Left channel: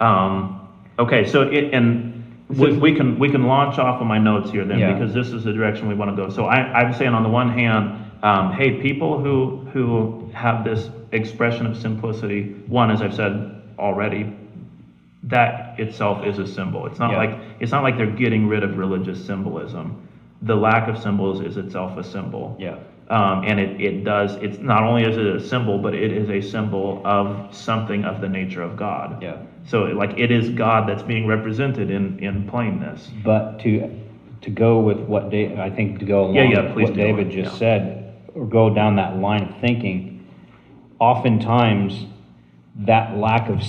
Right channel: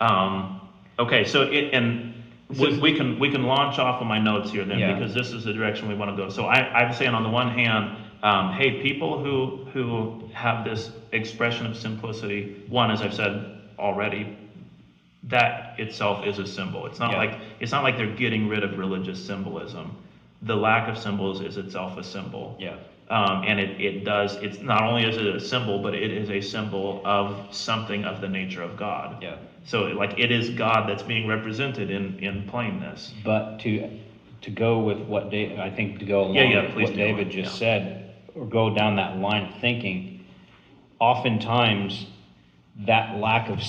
Okay, so we can launch off of my notes here then, Yeah. because this is the direction we want to go. So I'm saying on the one hand, hey, people who have this expression of simplicity, one, as I've said already, that itself is a symbol. Yeah. It's not like they're getting rid of religious symbolism. The lack of symbols is itself a symbol. Yeah. And it's not only is it a symbol, but it is a symbol of something of the nature of God. Yeah. So like it is God that's being represented in plainness. But to go with what I think to go along Yeah, with please what do. David just Yeah. said, or go down that line of thinking, oftentimes that lack of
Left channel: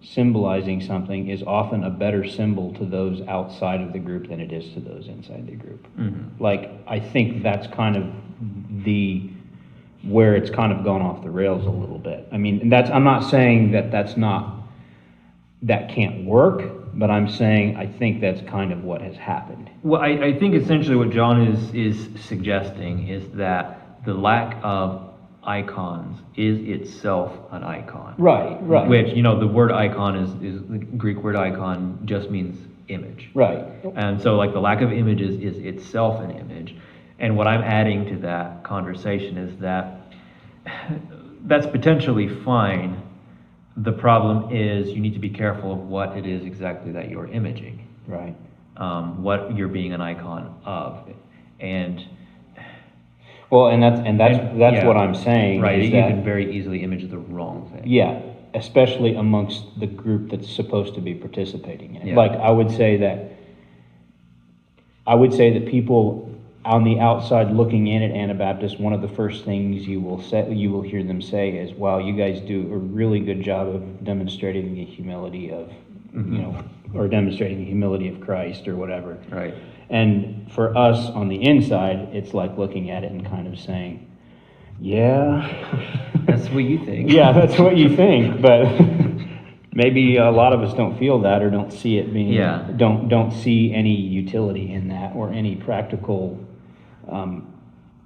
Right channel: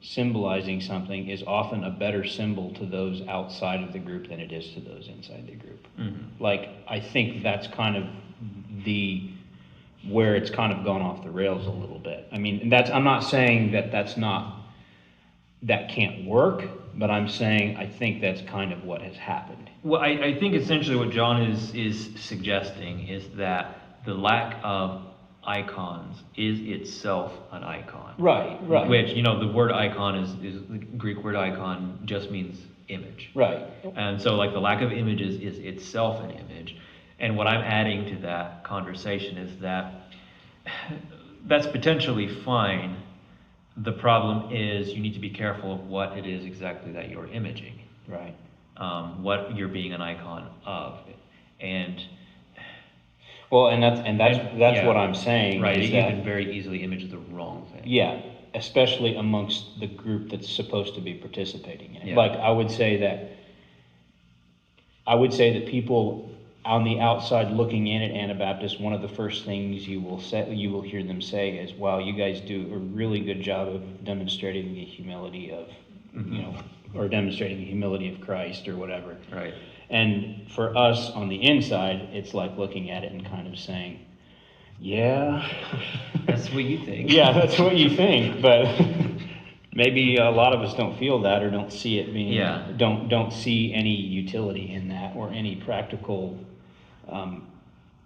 symbolizing something is often a better symbol to those outside of the group than it is to those inside the group. Mm-hmm. Like, I think that's kind of where it's kind of gone off the rails a little bit. I mean, I'm not saying that can't work, but I'm saying I think that's kind of what has happened. Well, I think essentially what John is suggesting is that the lack of icons is itself an icon. Right. Which, the word icon is the Greek word icon just means image. Right. And so like the lack of images is itself an image. And what I'm adding to that conversation is that that's potentially fine. The problem is you need to be careful of what it is exactly that you're imaging. Right. What you're being an icon of. And Well, and that's yeah, what I'm saying. right, is you that, can very easily image the wrong thing. yeah, especially amongst the group that's supposed to be participating in it. Yeah. Like I would say that people on the outside looking in at Anabaptist, one of the first things you will hear them say is, "Wow, you guys do a really good job of demonstrating the humility of, or demonstrating the humility of Christ or whatever." Right. And for us on the inside, it's like looking at it and kind of saying, "Yeah, That's what you think. yeah, that's what you think," but maybe a lot of us don't feel that or don't see it being, Yeah. don't see any utility in that or any practical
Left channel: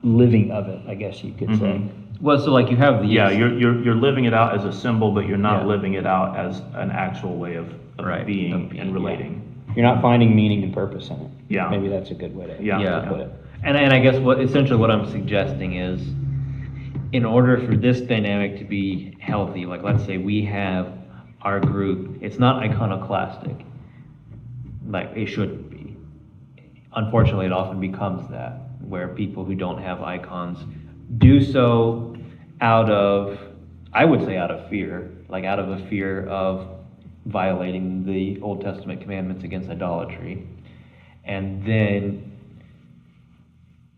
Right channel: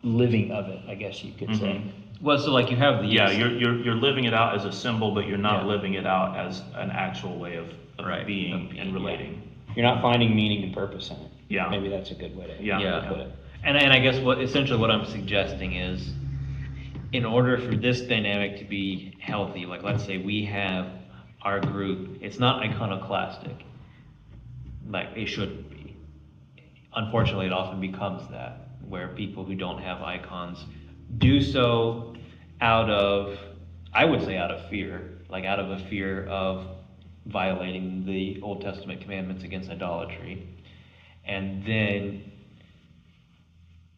living of it, I guess you could say. Well, so like you have the Yeah, you're living it out as a symbol, but you're not Yeah. living it out as an actual way of Right, being of being, and relating. You're not finding meaning and purpose in it. Yeah. Maybe that's a good way to Yeah. put it. And I guess essentially what I'm suggesting is, in order for this dynamic to be healthy, like let's say we have our group, it's not iconoclastic, like it shouldn't be. Unfortunately, it often becomes that, where people who don't have icons do so out of, I would say out of fear, like out of a fear of violating the Old Testament commandments against idolatry, and then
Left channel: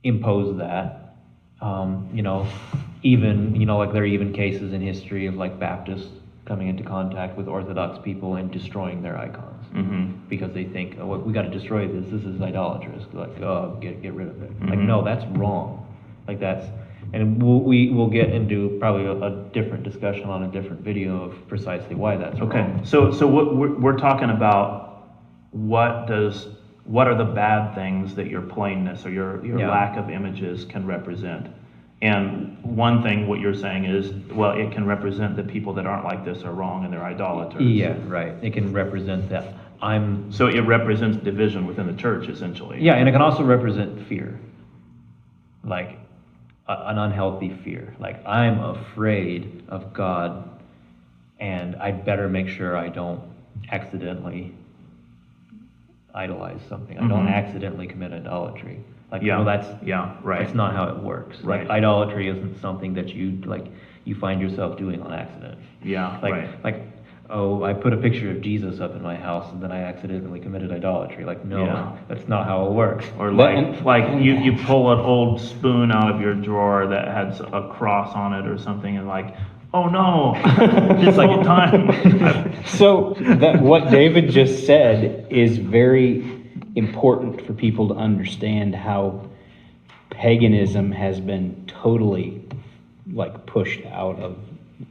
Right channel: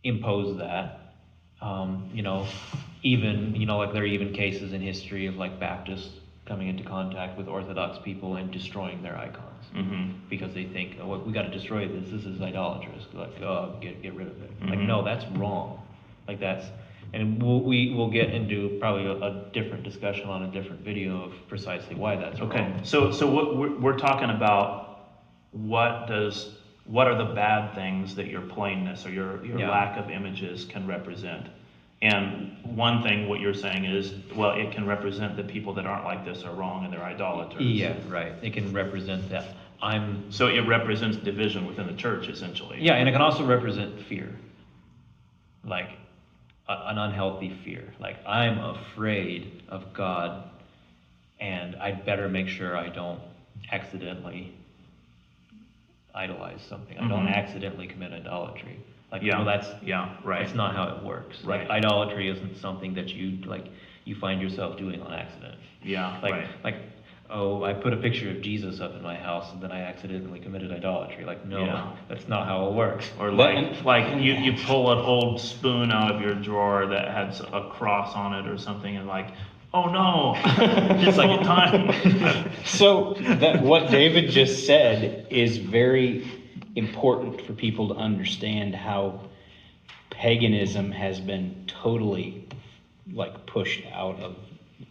impose that. Like there are even cases in history of like Baptists coming into contact with Orthodox people and destroying their icons because they think, oh, well, we got to destroy this. This is idolatrous. Like, oh, get rid of it. Like, no, that's wrong. Like and we'll get into probably a different discussion on a different video of precisely why that's Okay, wrong. so what we're talking about, what are the bad things that your plainness or your Yeah. lack of images can represent? And one thing, what you're saying is, well, it can represent that people that aren't like this are wrong and they're idolaters. Yeah, right. It can represent that So it represents division within the church, essentially. Yeah, and it can also represent fear, like an unhealthy fear. Like I'm afraid of God, and I'd better make sure I don't accidentally idolize something. I don't accidentally commit idolatry. Like, Yeah. no, right. that's not how it works. Right. Like idolatry isn't something that you find yourself doing on accident. Yeah, right. Oh, I put a picture of Jesus up in my house and then I accidentally committed idolatry. Like, no, Yeah. that's not how it works. Or like you pull an old spoon out of your drawer that has a cross on it or something, and like, oh no, it's like a time. So what David just said is very important for people to understand how paganism has been totally pushed out of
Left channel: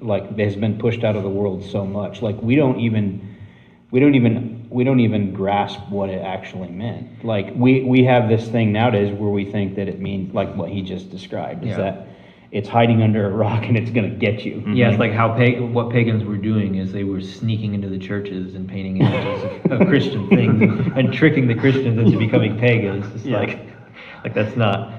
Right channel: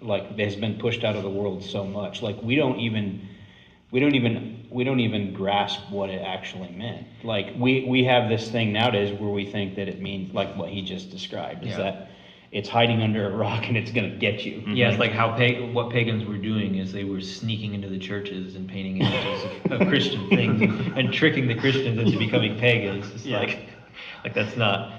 the world so much. Like we don't even grasp what it actually meant. Like we have this thing nowadays where we think that it means like what he just described, is Yeah. that it's hiding under a rock and it's gonna get you. Yeah, it's like how what pagans were doing is they were sneaking into the churches and painting images of Christian things and tricking the Christians into becoming pagans. It's Yeah. like that's not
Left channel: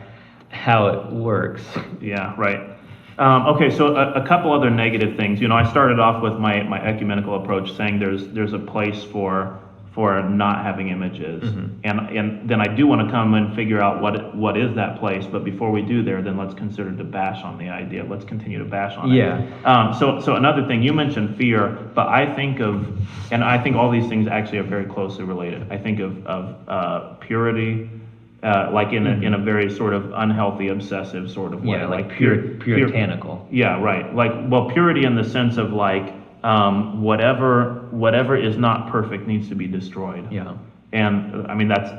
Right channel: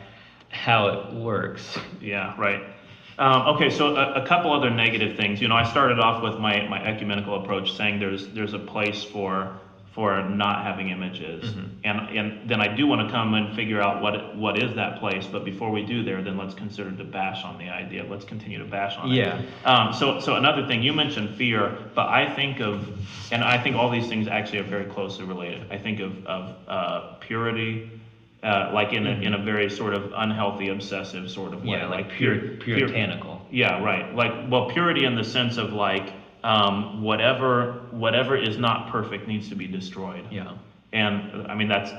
how it works. Yeah, right. Okay, so a couple other negative things. I started off with my ecumenical approach saying there's a place for not having images, and then I do want to come and figure out what is that place. But before we do there, then let's consider to bash on the idea. Let's continue to bash on it. Yeah. So another thing, you mentioned fear, but I think all these things actually are very closely related. I think of purity. Like in a very sort of unhealthy, obsessive sort of way. Yeah, like puritanical. Yeah, right. Like, well, purity in the sense of like, whatever is not perfect needs to be destroyed. Yeah. And I mean, that's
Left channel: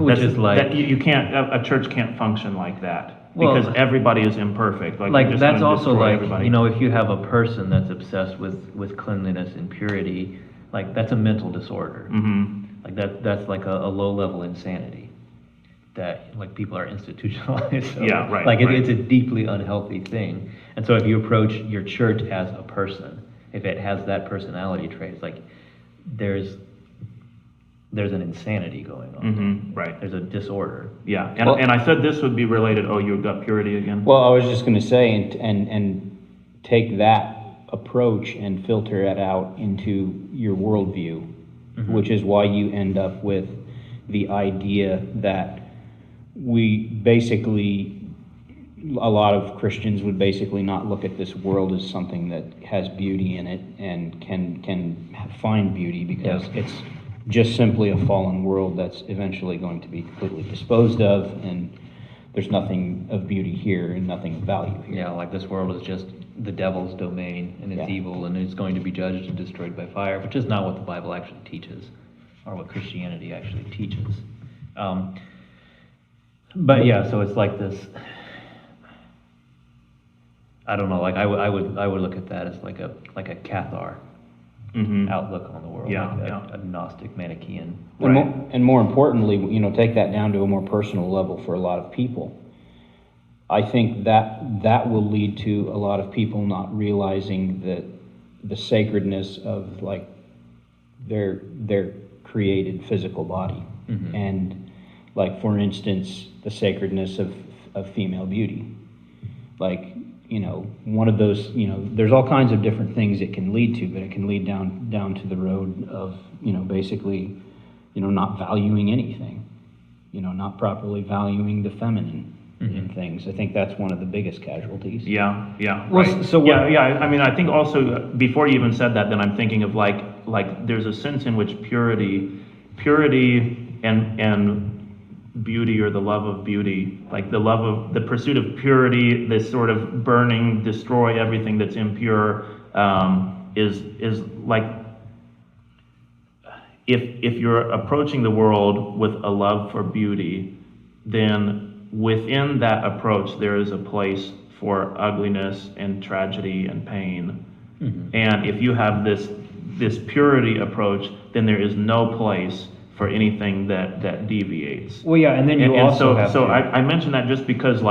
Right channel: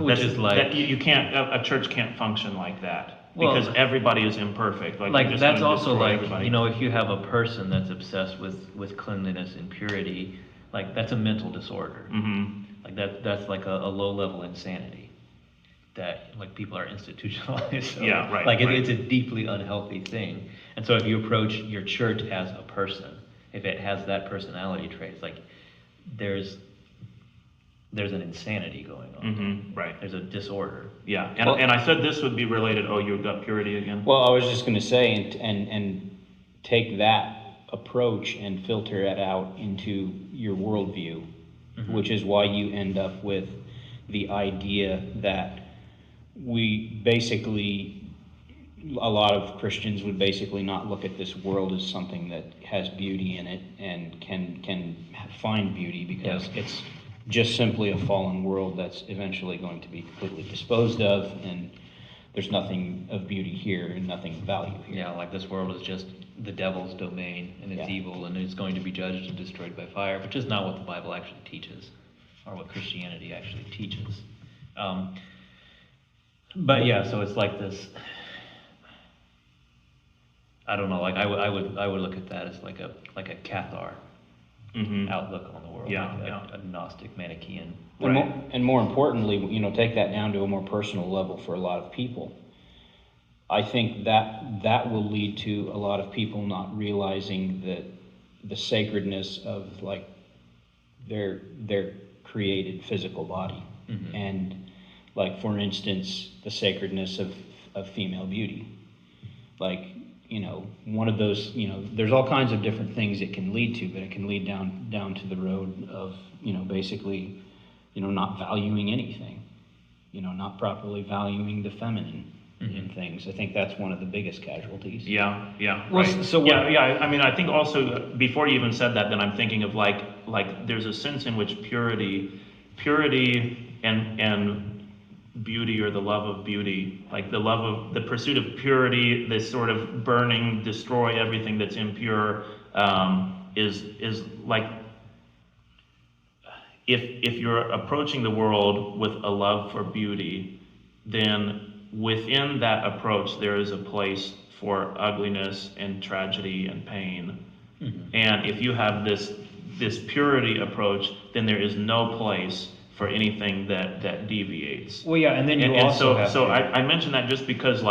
Which is like- that you can't, a church can't function like that Well, because everybody is imperfect. Like, you're Like just that's gonna also destroy like, everybody. if you have a person that's obsessed with cleanliness and purity, like that's a mental disorder. Mm-hmm. Like that's like a low level insanity that like people are institutionalized. So, Yeah, right, Like right. it's a deeply unhealthy thing. And so if you approach your church as a person, if it has that personality trait, it's like there's an insanity going on. Mm-hmm. Right. There's a disorder. Yeah. And Well- and I said this would be related. Oh, you got purity again. Well, I was just gonna say, and take that approach and filter it out into your worldview, which is why you end up with the idea that we basically, a lot of Christians would basically not look at this world as something that has beauty in it and can find beauty because it's just simply a fallen world that's eventually going to be completely disposed of, and there's nothing of beauty here and nothing of value here. Yeah, like this world is just the devil's domain and it's Yeah. evil and it's going to be judged and destroyed by fire, which is not what the Bible actually teaches or what Christianity actually teaches. But yeah, so it's like this. I don't know. Like I would look at that as like a Cathar Mm-hmm. outlook on the world, Yeah, like yeah. a Gnostic Manichaean. And more importantly, take that down to a more personal level for a lot of people. I think that will lead to a lot of people not realizing that the sacredness of like their created physical body. Mhm. And like, for instance, the sacredness of female beauty. Like, one of those, there's all kinds of different things it can lead to, but it can lead down to the road of, basically, not valuing anything, not properly valuing the feminine in things. I think that's one of the biggest casualties. Yeah, yeah, Well, right. so what- yeah. I mean, I think also before you even said that, then I'm thinking of like there's a sense in which purity and beauty, or the love of beauty, like the pursuit of purity, this sort of burning, destroy everything that's impure, is like, if you're approaching the world with a love for beauty, then within that approach there is a place for ugliness and tragedy and pain. And if you have this purity approach, then there is no place for anything that deviates. Well, yeah, and then you And also so, have so to- I mention that just because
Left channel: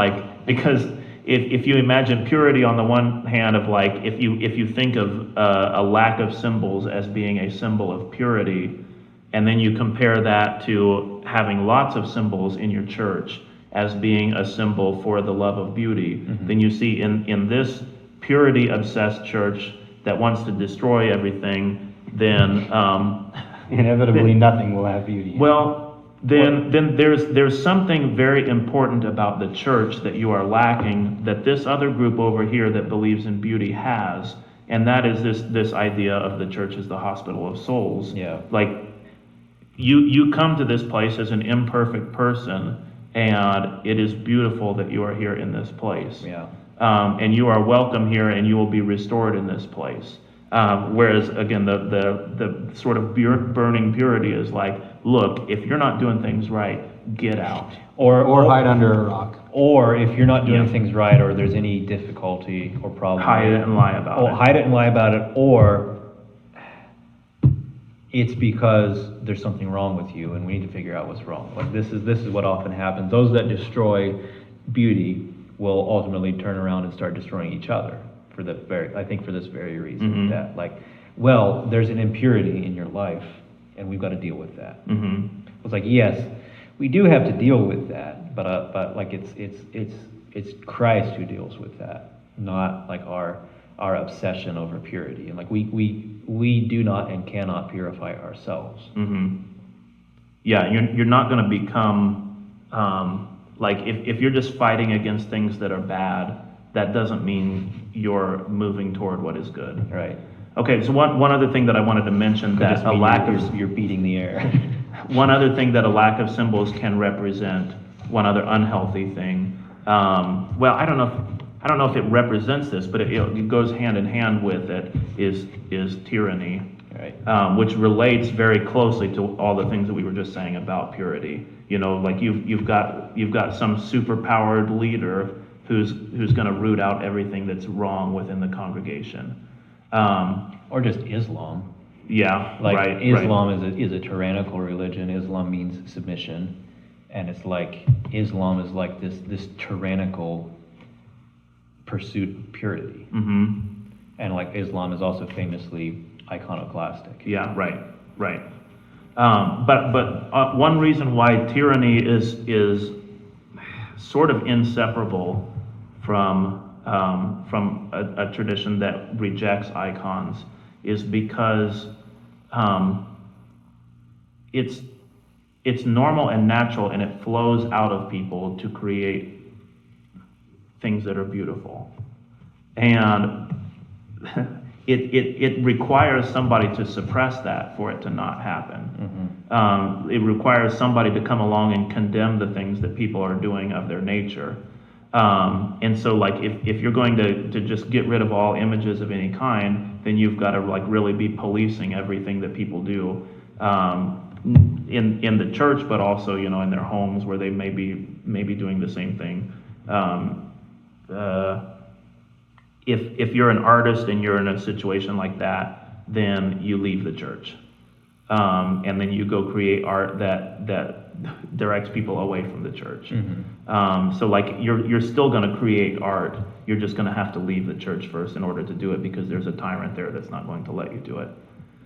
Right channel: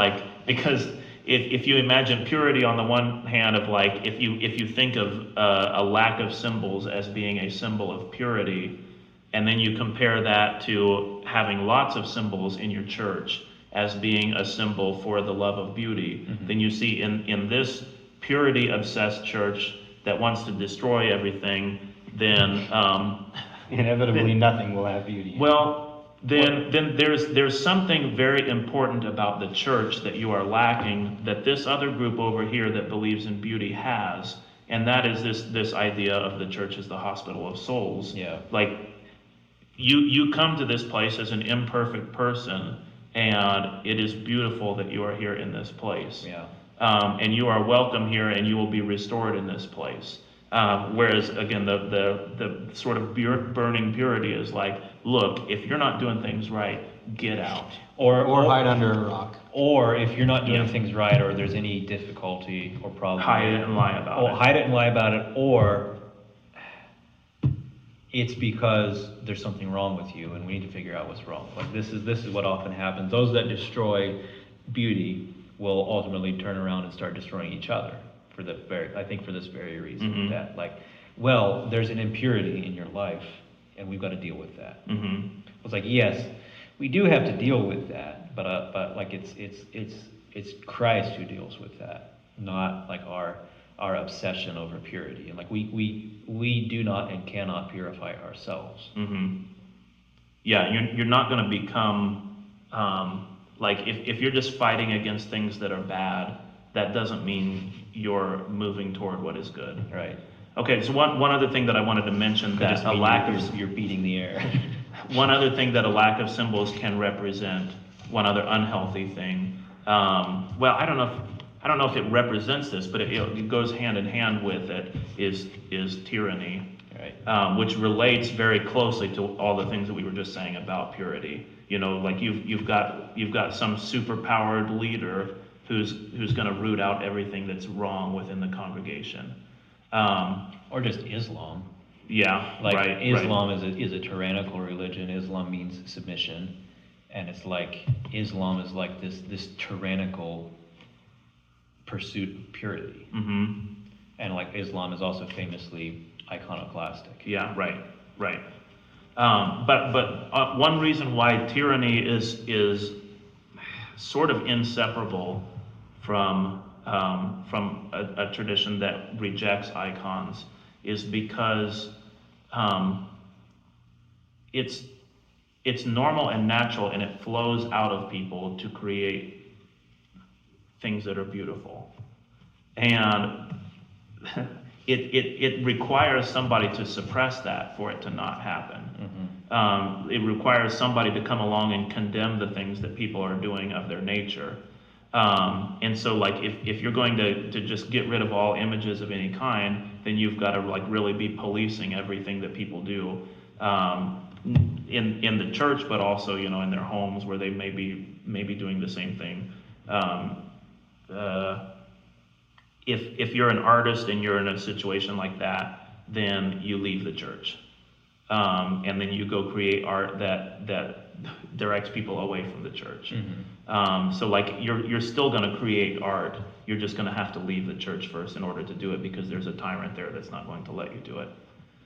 if you imagine purity on the one hand of like, if you think of a lack of symbols as being a symbol of purity, and then you compare that to having lots of symbols in your church as being a symbol for the love of beauty, then you see in this purity obsessed church that wants to destroy everything, then Inevitably, nothing will have beauty. well, then there's something very important about the church that you are lacking, that this other group over here that believes in beauty has, and that is this idea of the church as the hospital of souls. Yeah. Like, you come to this place as an imperfect person, and it is beautiful that you are here in this place. Yeah. And you are welcome here, and you will be restored in this place. Whereas again, the sort of burning purity is like, look, if you're not doing things right, get out. Or hide under a rock. Or if you're not doing Yeah. things right, or there's any difficulty or problem, Hide it and lie about it. hide it and lie about it, or it's because there's something wrong with you, and we need to figure out what's wrong. Like this is what often happens. Those that destroy beauty will ultimately turn around and start destroying each other for I think for this very reason, Mhm. that like, well, there's an impurity in your life and we've got to deal with that. Mm-hmm. It's like, yes, we do have to deal with that, but like it's Christ who deals with that, not like our obsession over purity. And like we do not and cannot purify ourselves. Mm-hmm. Yeah, you're not going to become like if you're just fighting against things that are bad, that doesn't mean you're moving toward what is good. Right. Okay, so one other thing that I wanted to mention, Could that just a mean lack you're, of you're beating the air. one other thing that a lack of symbols can represent, one other unhealthy thing. Well, I don't know if it represents this, but it goes hand in hand with it. Is tyranny. Right. Which relates very closely to all the things that we were just saying about purity. You know, like you've got some superpowered leader who's going to root out everything that's wrong within the congregation. Or just Islam. Yeah, Like right. Islam is a tyrannical religion. Islam means submission, and it's like Islam is like this tyrannical pursuit of purity. Mm-hmm. And like Islam is also famously iconoclastic. Yeah, right. But one reason why tyranny is sort of inseparable from a tradition that rejects icons is because it's normal and natural, and it flows out of people to create things that are beautiful, and it requires somebody to suppress that for it to not happen. Mm-hmm. It requires somebody to come along and condemn the things that people are doing of their nature. And so like if you're going to just get rid of all images of any kind, then you've got to like really be policing everything that people do in the church, but also, you know, in their homes where they may be doing the same thing. If you're an artist and you're in a situation like that, then you leave the church. And then you go create art that directs people away from the church. Mm-hmm. So like you're still going to create art. You're just going to have to leave the church first in order to do it, because there's a tyrant there that's not going to let you do it.